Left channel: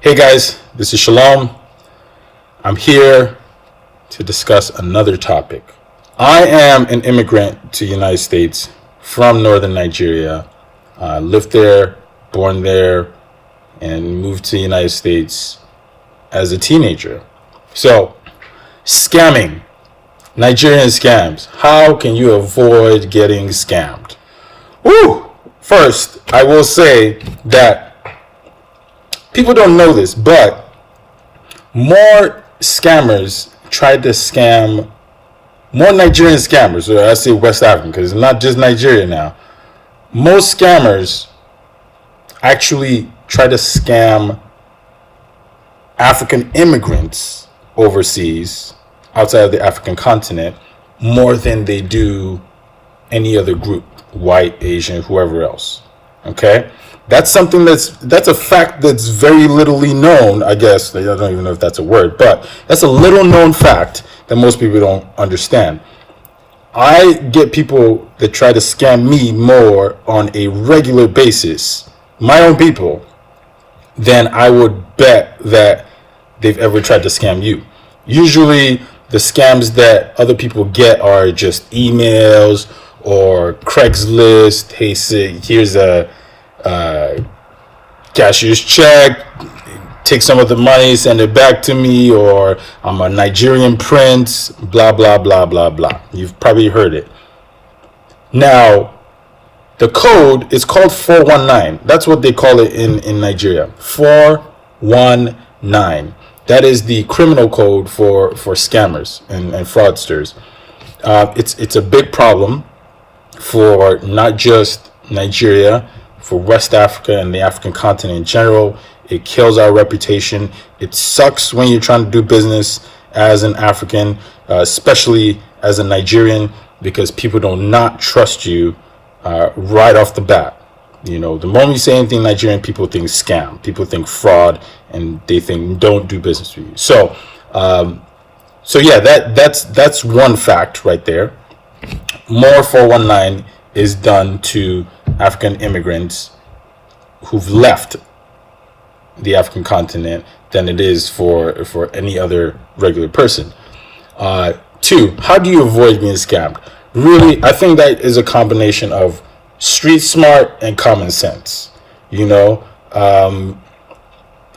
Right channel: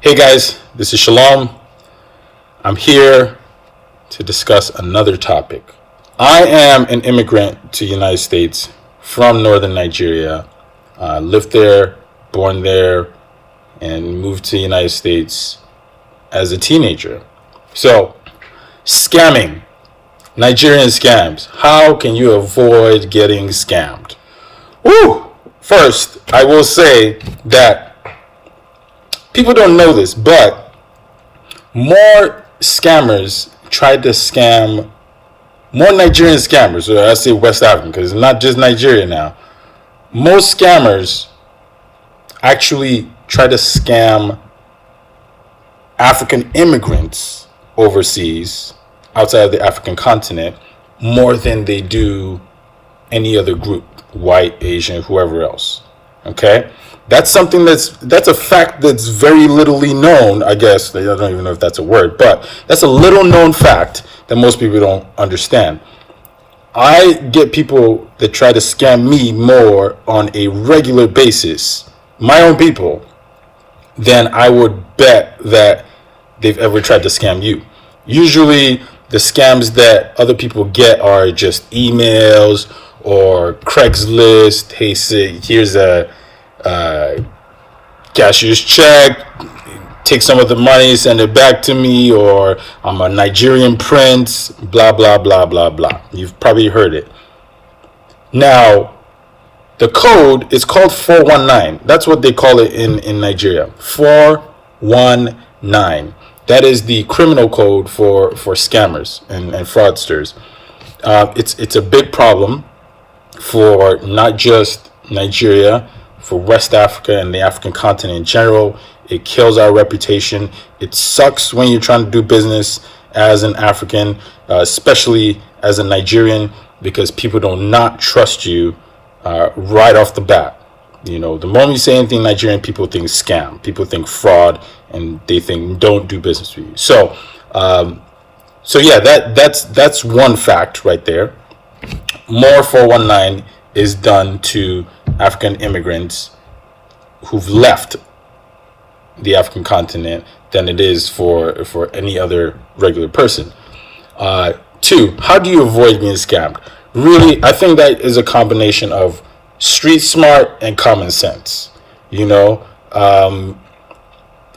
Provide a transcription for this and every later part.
Hey guys, this is Shalom. I'm here to discuss another topic. I am an immigrant to the United States from northern Nigeria. Lived there, born there, and moved to the United States as a teenager. So, scamming, Nigerian scams. How can you avoid getting scammed? Woo! First, I will say that people don't know this, but more scammers tried to scam more Nigerian scammers, or I say West African, because it's not just Nigeria now. Most scammers actually try to scam African immigrants overseas, outside of the African continent, more than they do any other group, white, Asian, whoever else. Okay? That's something that's a fact that's very littly known, I guess. I don't even know if that's a word, but that's a little known fact that most people don't understand. I get people that try to scam me more on a regular basis, my own people, than I would bet that they've ever tried to scam you. Usually the scams that other people get are just emails or Craigslist. Hey, say, here's a cashier's check, take some of the money, send it back to me, or I'm a Nigerian prince, blah, blah, blah, blah, blah. You've probably heard it. Now, the code is called 419. That's what they call it in Nigeria. 419. That is the criminal code for scammers and fraudsters. It's a big problem for not just Nigeria, for West Africa and the African continent in general. It kills our reputation. It sucks when you're trying to do business as an African, especially as a Nigerian, because people do not trust you right off the bat. You know, the moment you say anything Nigerian, people think scam, people think fraud, and they think don't do business with you. So yeah, that's one fact right there. More 419 is done to African immigrants who've left the African continent than it is for any other regular person. Two, how do you avoid being scammed? Really, I think that is a combination of street smart and common sense. You know,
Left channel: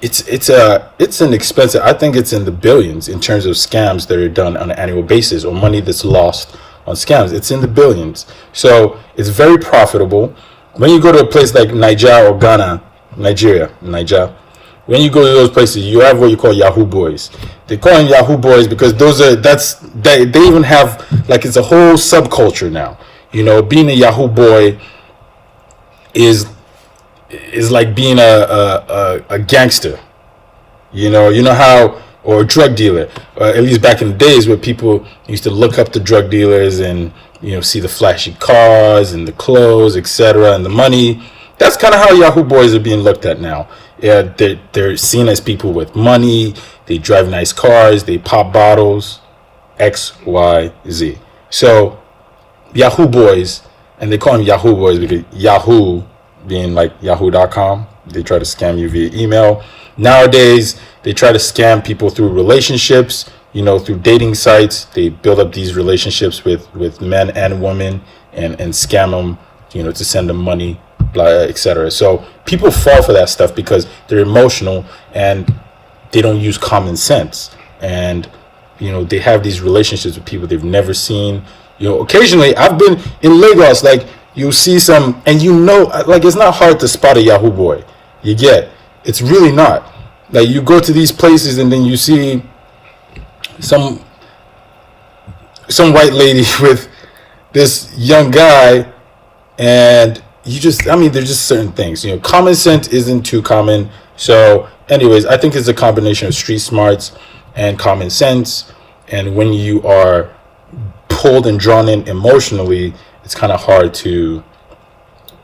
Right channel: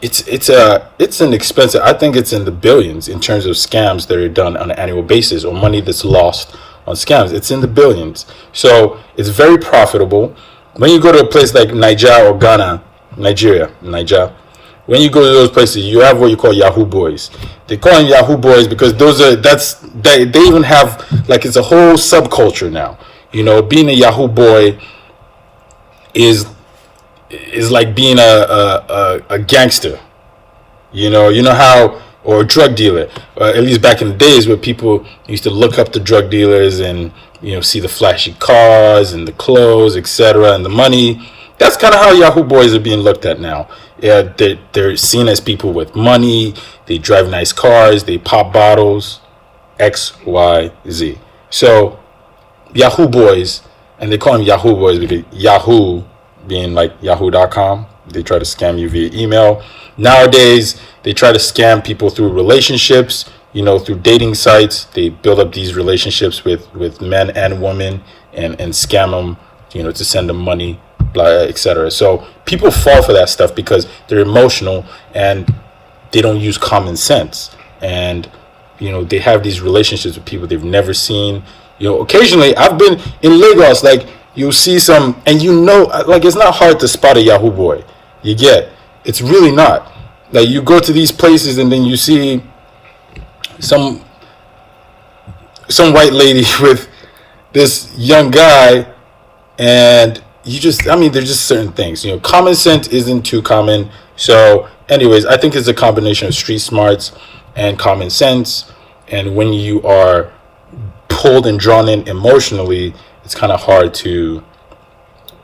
it's an expensive. I think it's in the billions in terms of scams that are done on an annual basis, or money that's lost on scams. It's in the billions. So it's very profitable. When you go to a place like Niger or Ghana, Niger, when you go to those places, you have what you call Yahoo boys. They call them Yahoo boys because they even have, like, it's a whole subculture now. You know, being a Yahoo boy is like being a gangster. You know how, or a drug dealer, at least back in the days where people used to look up the drug dealers and, you know, see the flashy cars and the clothes, etc., and the money. That's kind of how Yahoo boys are being looked at now. Yeah, they're seen as people with money. They drive nice cars. They pop bottles. X, Y, Z. So Yahoo boys, and they call them Yahoo boys because Yahoo being like yahoo.com, they try to scam you via email. Nowadays, they try to scam people through relationships, you know, through dating sites. They build up these relationships with men and women and scam them, you know, to send them money, blah, etc. So people fall for that stuff because they're emotional and they don't use common sense. And, you know, they have these relationships with people they've never seen. You know, occasionally I've been in Lagos, like, you see some, and you know, like, it's not hard to spot a Yahoo boy. You get, it's really not. Like, you go to these places and then you see some white lady with this young guy, and you just, I mean, there's just certain things, you know, common sense isn't too common. So anyways, I think it's a combination of street smarts and common sense. And when you are pulled and drawn in emotionally, it's kind of hard to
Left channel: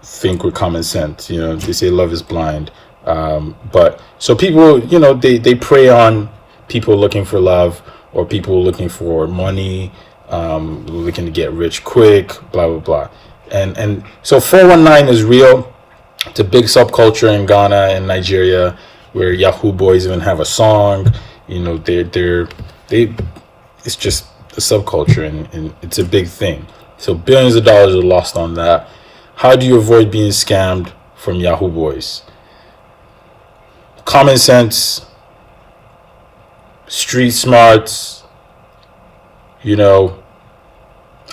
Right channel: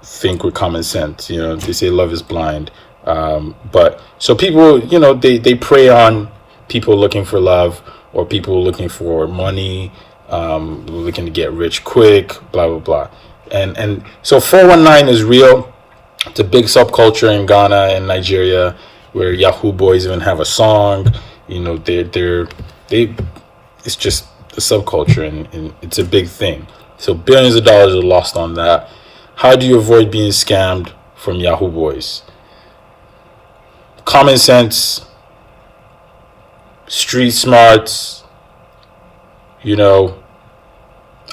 think with common sense. You know, they say love is blind. But so people, you know, they prey on people looking for love, or people looking for money, looking to get rich quick, blah, blah, blah. And so 419 is real. It's a big subculture in Ghana and Nigeria, where Yahoo boys even have a song. You know, they it's just a subculture, and it's a big thing. So billions of dollars are lost on that. How do you avoid being scammed from Yahoo boys? Common sense, street smarts, you know,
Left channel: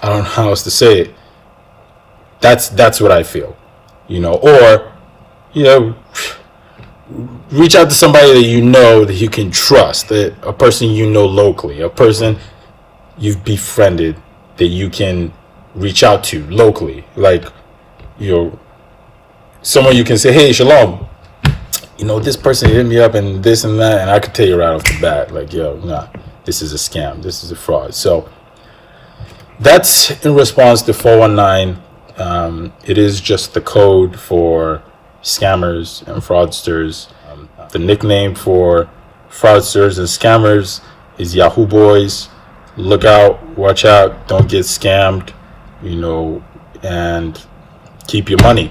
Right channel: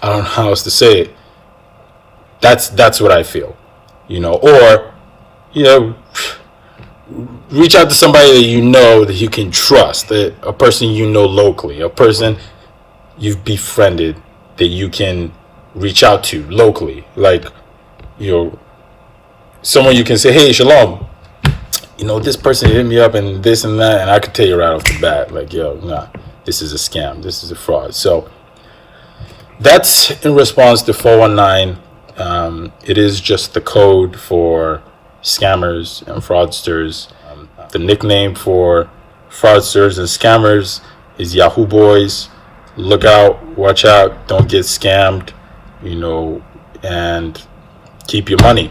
I don't know how else to say it. That's what I feel, you know. Or, you know, reach out to somebody that you know, that you can trust, that a person you know locally, a person you've befriended that you can reach out to locally, like, you know, someone you can say, hey, Shalom, you know, this person hit me up and this and that, and I could tell you right off the bat, like, yo, nah, this is a scam, this is a fraud. So that's in response to 419. It is just the code for scammers and fraudsters. The nickname for fraudsters and scammers is Yahoo boys. Look out, watch out, don't get scammed, you know, and keep your money.